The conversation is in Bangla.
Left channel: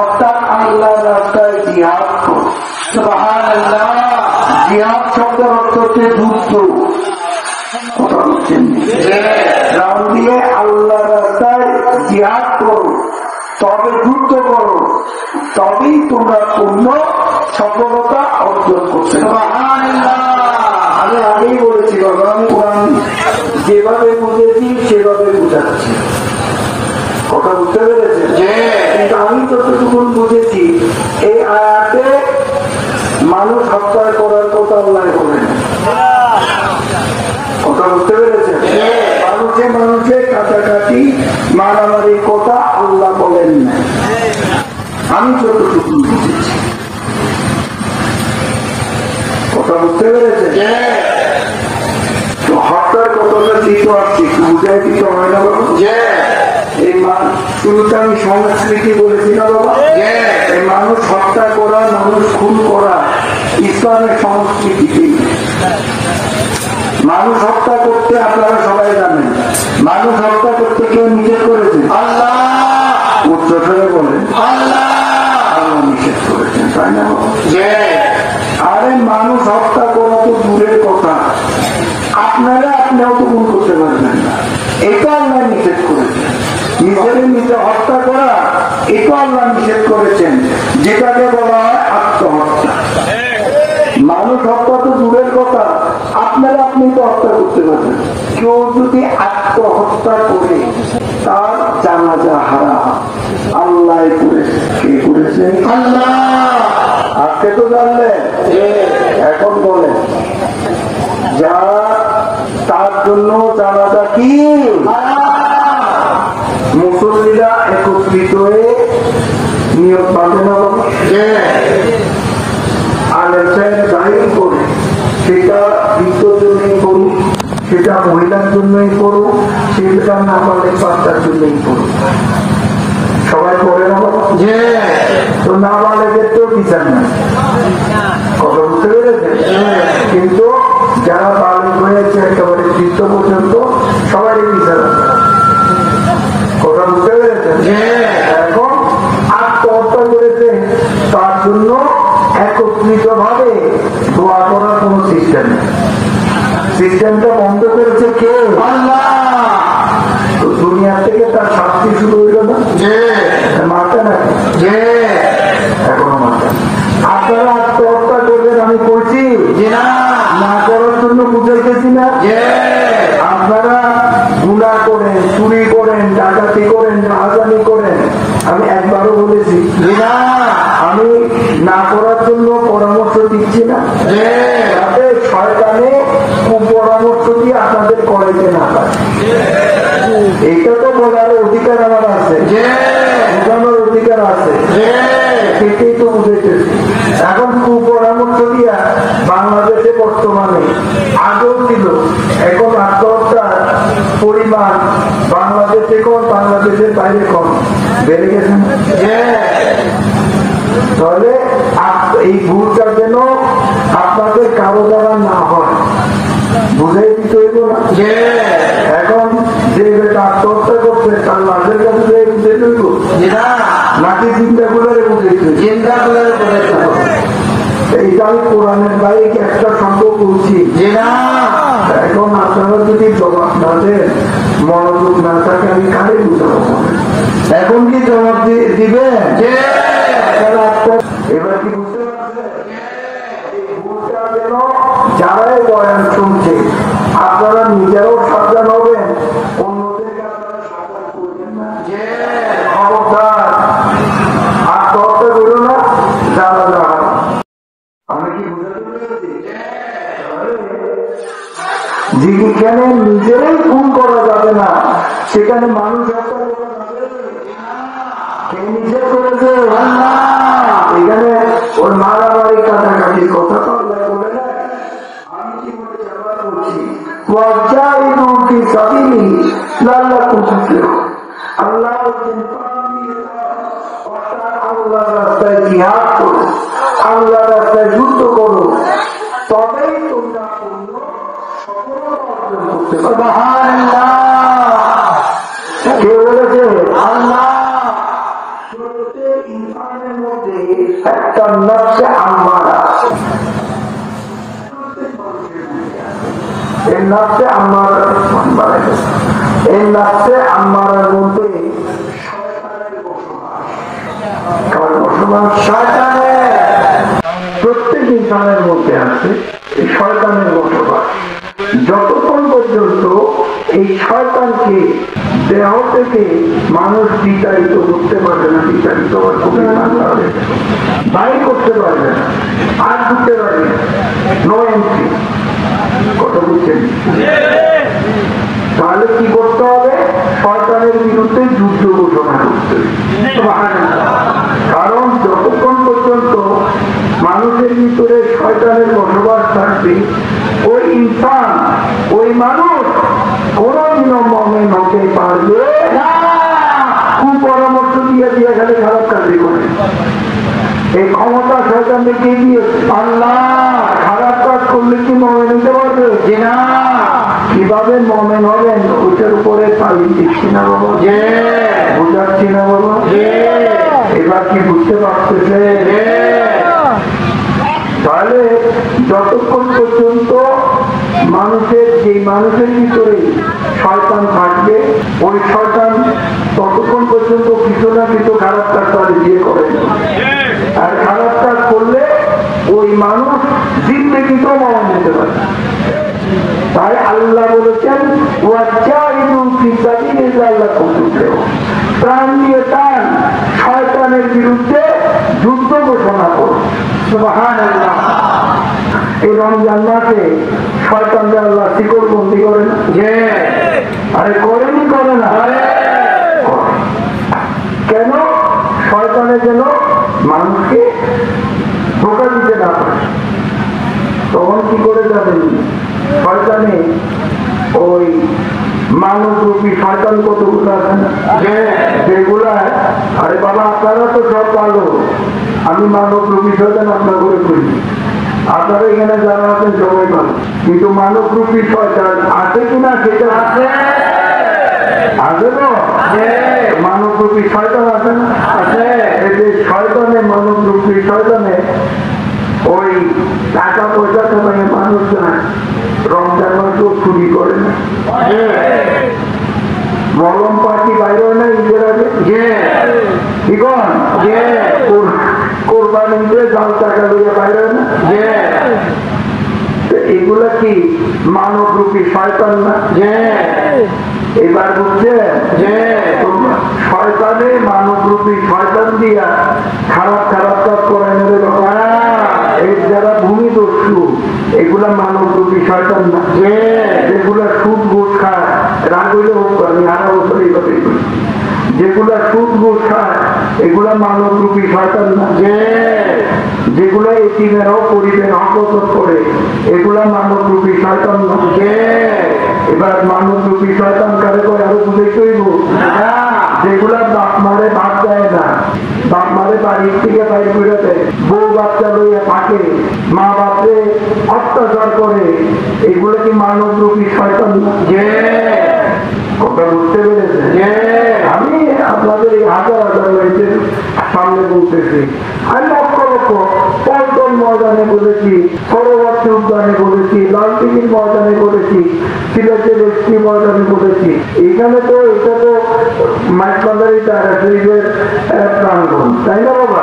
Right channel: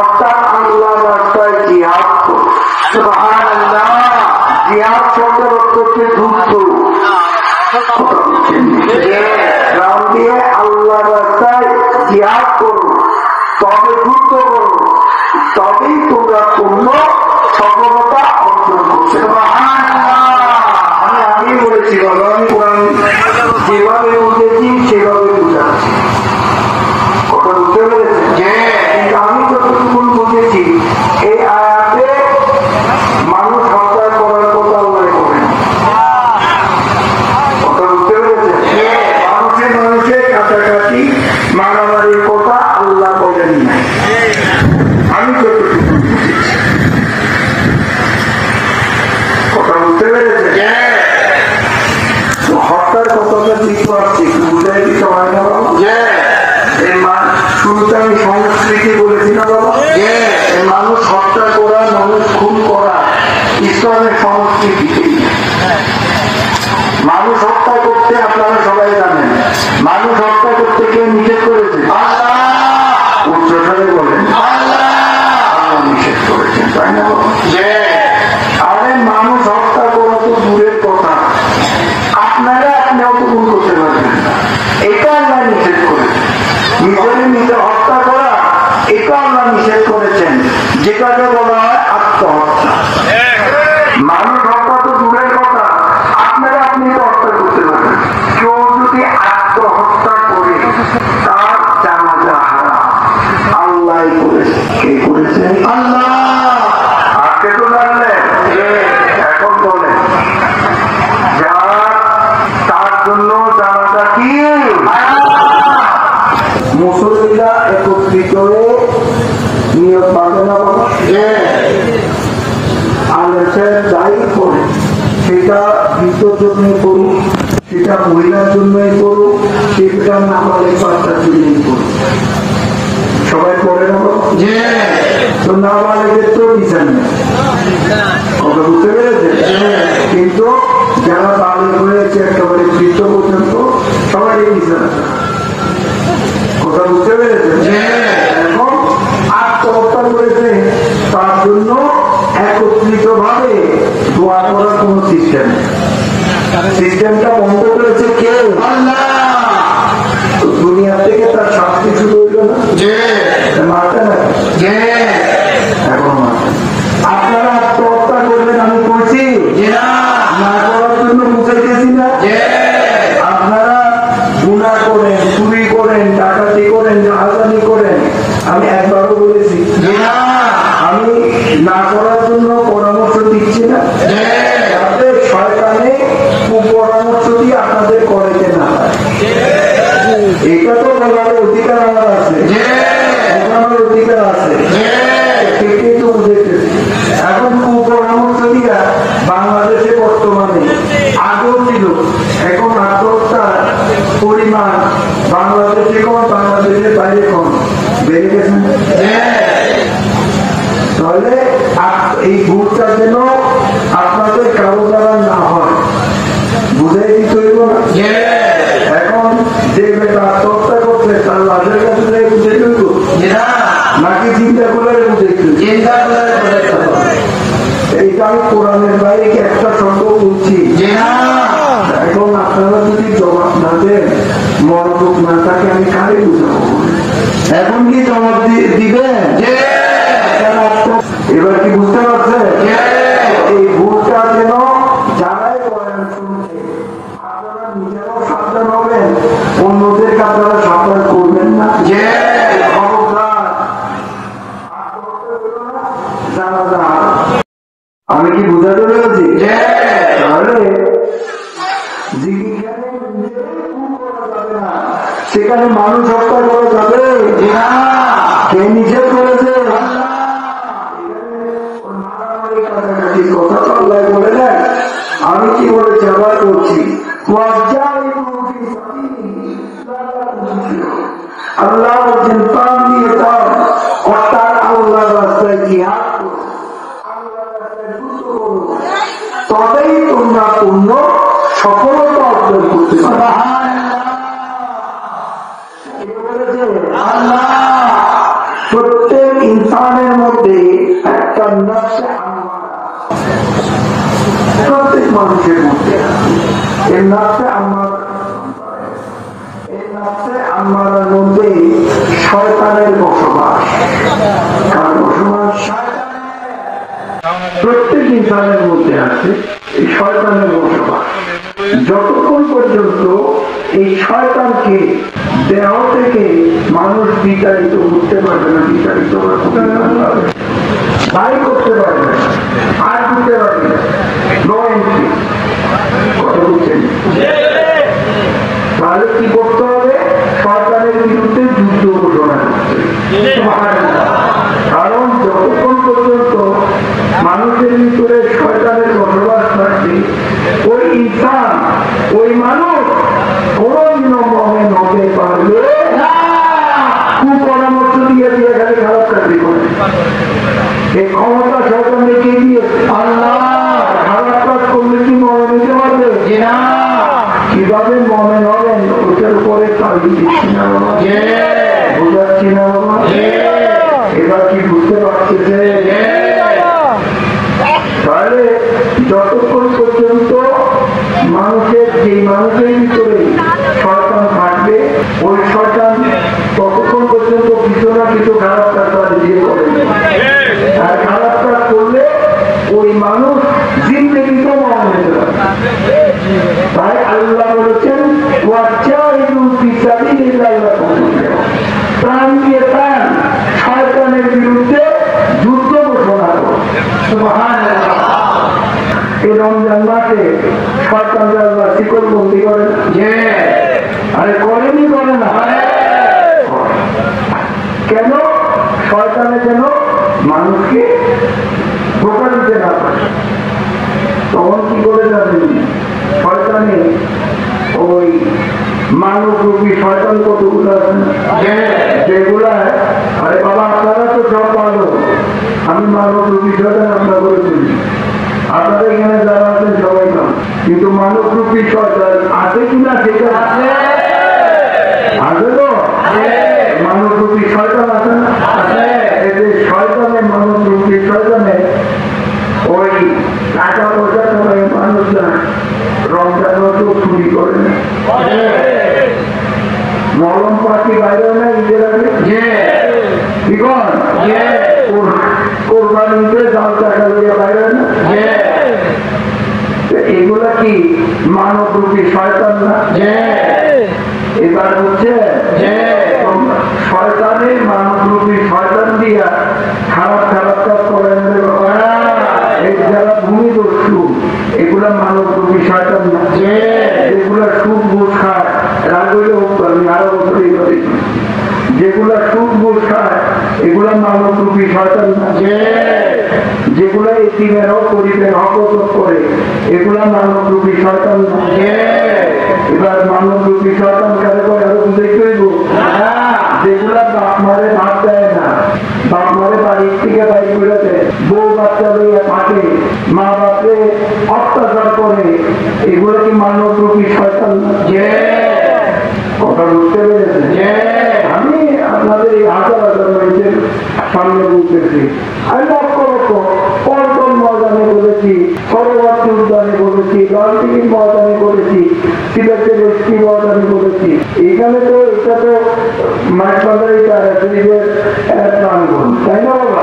অর্থাৎ আল্লাহর রাস্তায় জিহাদ করো। সুবহানাল্লাহ। জিহাদ শব্দের অর্থ হচ্ছে যুদ্ধ। নাম দিয়ে আল্লাহর রাস্তায় জিহাদ করো, তবে যুদ্ধ করো, তবেই তোমরা পূর্ণ সফলতা অর্জন করছে। আমি আগেই বলেছি বাবা, আমি কোরআন যেভাবে বুঝেছি সেভাবে বুঝাচ্ছি। কথা বুঝতে পেরেছেন? কিন্তু আমি যতটুকু বুঝেছি এই আয়াতে মানুষ হত্যা করার কথা আল্লাহ করেন। কথা বুঝতে পেরেছেন? মানুষে মানুষে কাটাকাটি মারামারির কথা আল্লাহ বলেন না। আমি যতটুকু বুঝেছি। কথা বুঝতে পেরেছেন? হত্যার কথাটা দিতে পারছি, বুঝাই দিতে হয় না বাবা। শুরুতে আমি সংস্কৃতি বলেছি না বাবা। এই মানুষ হত্যা করা, মানুষ খুন করা ইসলামের সংস্কৃতি। মানুষ হত্যা করতে আপনারা সবাই জানেন, মানুষ হত্যা করতে কেউ নিষেধ করেছে? আল্লাহ। উচ্চস্বরে বলেন আল্লাহ নিষেধ করেছেন, তাই না বাবা? আরে মানুষ হত্যা করা তো দূরের কথা, আপনারা আপনিও তো ভুল করতে পারবেন না, এটা আল্লাহ নিষেধ করেছেন। নিজের নিজে হত্যা করা এটা আল্লাহ নিষেধ করেছেন, যেটাকে বলা হয় আত্মহত্যা। মানুষ হত্যা তো দূরের কথা, আপনারা আপনি তো হত্যা করতে পারবেন। কেউ যদি আত্মহত্যা করে তার জানাজা হারাম আল্লাহ করেছে। কে করেছে? আল্লাহ। আজকে তো জানলেন, এখন বলেন যা তার জন্য জানাজা কি? মুসল্লিরা একত্রিত হয়ে নিয়ত বাঁধে না বাবা, আলের যাই করে সেটা দ্বিতীয় জন্য করুক, সেটা মহিলার জন্যই করুক, সেটা নাবালিক বাচ্চার জন্যই করুক। সবাই করে না বাবা? তো নাবালিকের তো বিচার নাই, কথা বুঝতে পেরেছে? কিন্তু যারা বালিক হয়েছে একেবারে তৃতীয় পর্যন্ত সবাইকে বিচার আছে। কথা বুঝতে পেরেছেন? এখন আত্মহত্যা করেছে, তার জন্য একত্রিত ভাবে দোয়া করার কোন সিস্টেম নেই। সিস্টেমটা বন্ধ করেছে কে? আল্লাহ। দুনিয়ার থেকে তার শাস্তি শুরু হইল না, মারতে না এখনো মারতে। আপনারা আত্মহত্যা করবেন আমি বলছি না করার জন্য বুঝাইতেছি না। আপনারা গুনাহ করেন, চুরি করেন, ডাকাতি করেন, রাহাজানি করেন, আমি একবারও বলেছি আমি না করার জন্য পরামর্শ দিচ্ছি না, যাতে শয়তানে কুপরামর্শ দিয়ে আপনাদের করাইতে না পারে। এটা তো বলার অধিকার আমার আছে, বোঝানোর অধিকার আছে, সেটাই তো বুঝাইতেছি। এখন কুপরামর্শ দিয়া বাংলাদেশে বর্তমানে আগেও ছিল, এখন আত্মহত্যার পরিমাণ বাংলাদেশে কোন, বাংলাদেশের বাইরে কোন বেড়ে গেছে। তাহলে এই ভুলটা যেন আপনাদের কারো দ্বারা না হয়, বুঝাই দিতে হইব না। এখন যে বেটা আত্মহত্যা করছে তার লাভের কাছে বুঝে দিব নাকি চিন্তা করে বুঝে এইটাই কোরআনের বাইরে কি একটা শব্দ বলছি? এখন আপনারা যদি জবাব না দেন, মনোযোগ না থাকে, আমি কারে বুঝাবো? এখন কি জবাব দিবে? এবার কি বুঝতে পারছে? এই ভুলটা যেন যারাই বয়ান শুনছে আপনারা নিজেরাও সাবধান হবেন, অন্যদের আপনারা সাবধান করবেন না। আত্মহত্যা করো না, জানাজা হারাম। আমি কি বুঝাতে পেরেছি? তাহলে যেখানে নিজেরাই খুন করা যাবে না সেখানে মানুষ হত্যা করা যাবে? কে নিষেধ করেছে? এখানে ওর মারামারি কাটাকাটির কথা তো আল্লাহ বলে দেন। আমি কি বলেছি আবার করছি, আল্লাহ বলছেন প্রাণ দিয়ে দাও, অর্থাৎ আল্লাহ রাস্তায় জিহাদ করো, আল্লাহ রাস্তায় যুদ্ধ করো, তবেই তোমরা পূর্ণ সফলতা অর্জন করতে পারবে। কে বলেছে? আল্লাহ। প্রত্যেক ইনসানের মধ্যে একটা নফসে আম্মারা আছে, প্রত্যেক মানুষের মধ্যে এই নফসে আম্মারা। এই নফসে আম্মারার মধ্যে শয়তানের বসবাস। কার বসবাস? শয়তানের। প্রত্যেক ইনসানের মধ্যে আছে এই শয়তানের বসবাস। যতক্ষণ পর্যন্ত এই শয়তানকে দেহ থেকে মানুষ বিতাড়িত করতে পারবে না, বিতাড়িত বাড়ি করতে পারবে না, আর ঢুকতে পারবে না, নো এন্ট্রি। কথা বুঝছেন? তাহলে কি করতে হবে? শয়তানের বিরুদ্ধে যুদ্ধ ঘোষণা করতে হবে। কারণ যতক্ষণ পর্যন্ত মানুষের ভিতরে শয়তানের বসবাস থাকবে, ওই ইনসান, ওই মানুষ কোনদিনও মুমিন হতে পারবে না। কুপরামর্শ দিয়ে দিয়ে খালি খারাপ কাজই করে। এই ক্ষমতা শয়তান দেখিয়ে দিয়েছে। আল্লাহ খারাপ কাজ করলে কি মুমিন হতে পারবে? না। কিভাবে মুমিন হবেন ওটার উপরে তালিম দিচ্ছি না বাবা, বোঝাচ্ছি না বাবা। এবার কি বুঝতে পারতেছে? তাহলে যতক্ষণ পর্যন্ত মানুষের ভিতরে শয়তান থাকবে, ওই শয়তান ততক্ষণ পর্যন্ত কিছু না কিছু খারাপ কাজ করে দিয়ে করে। আর খারাপ কাজ করলে ওই মানুষ জিন্দেগিতেও মরণ হতে পারে। তাই আল্লাহ বলেছেন প্রাণ দিয়ে প্রাণ শয়তানের বিরুদ্ধে যুদ্ধ ঘোষণা করো। সুবহানাল্লাহ। এই রমজান মাসে শয়তানকে আল্লাহ শিকল বন্দি করেন। আরে করেনি, করে না? কেন? শয়তানের যেন মানুষকে ধোঁকা দিতে না পারে। তখন কি করে যাবেন? শয়তানে ওই মানব রূপী শয়তান কতগুলো আছে না, যেগুলা আরে বাবা আপনারা তো সব ভালো, আমি মানব রূপী শয়তান আমরা করে করি। আপনারা এখানে যারা আছেন সবাই ভালো, কিন্তু মানব রূপী শয়তান আছে কিনা সেটা আছে। আছে তো মানব রূপী শয়তান আছে না? আছে। এই যে শয়তানে, মানব রূপী শয়তানে ওই টাকা পয়সা সময়ে মানুষরা রমজান মাসেও চুরি করে না, মলম পাখি বাইরে হয় না ঈদের আগে, কি কন কোরবানিতে জাল টাকা দিয়ে বাইরে হয় না। এগুলা কি মানব রূপী শয়তান না? এবার বুঝছেন? শয়তানে মানব রূপী শয়তান দিয়া খারাপ খারাপ কাজ করেন। যারা ভূমি দস্যু এগুলা মানব রূপী শয়তান না। এগুলা সুদ ঘুষ খায়, রাগ হইলে হোক, আমি আরো বছর এই কথা বলি, যেগুলা সুদ ঘুষ খায় এগুলা মানব রূপী শয়তান না। যেগুলো এতিমেরাও করিবেন হকত করে এগুলা মানব রূপী শয়তান না। এবার মানব রূপী শয়তান কারে করে আরো বুঝে কইব, যেগুলা বাপ মারে ভাত দেয় না, বাপ মারে বাড়ির থেকে বাইর করে দেয়, বউ বাচ্চা লইয়ে থাকে, মা বাপরে অত্যাচার করে, এগুলো কি মানব রূপী শয়তান না? কথা বুঝতে পেরেছে? আমি আপনাদের এই হাজার হাজার মেয়েদের সামনে বলতেছি, আমি লক্ষ লক্ষ পল্টন ময়দানে বলেছি, পরবর্তী উদ্যানে বলেছি, লালদিঘির ময়দানে বলেছি, সিলেটের এসপি ময়দানে বলেছি। এখানে তো এটা তো মাইকবাজারি শরীফের প্রাঙ্গণ, তাই না বাবা?